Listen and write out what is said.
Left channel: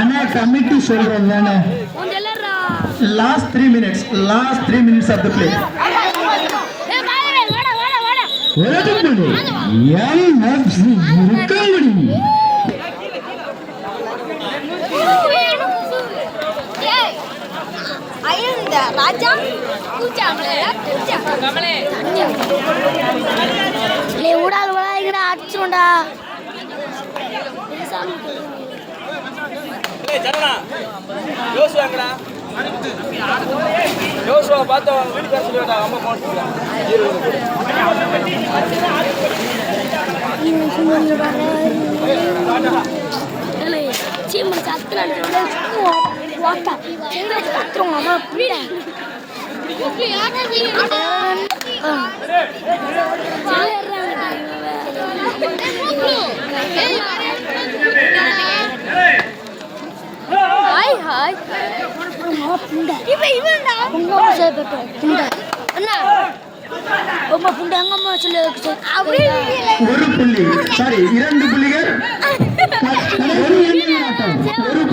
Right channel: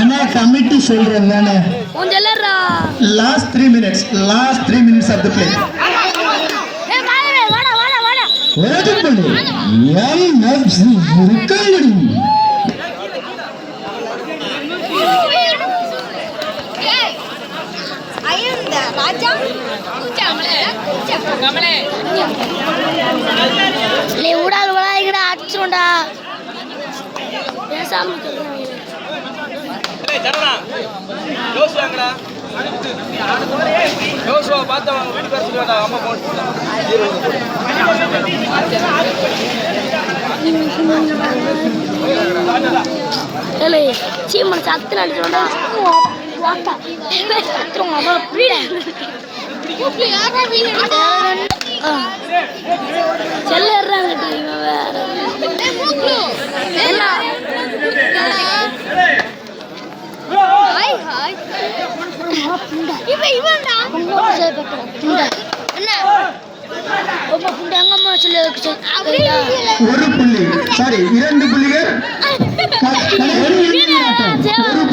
அண்ணா committee சொல்றேன் நானே. Last 3 minutes of the play. வரதுக்கு எம் எஃப் சி இருக்காங்கடி. ஊடால் வளாய்கிற அடிச்சுடா பேசாம சீமனை சத்துல அடிச்சோட கத்துறோம் அவ்வளோ புரியல ஒரு புள்ளி சாரி 2 புள்ளிகள். ஒரு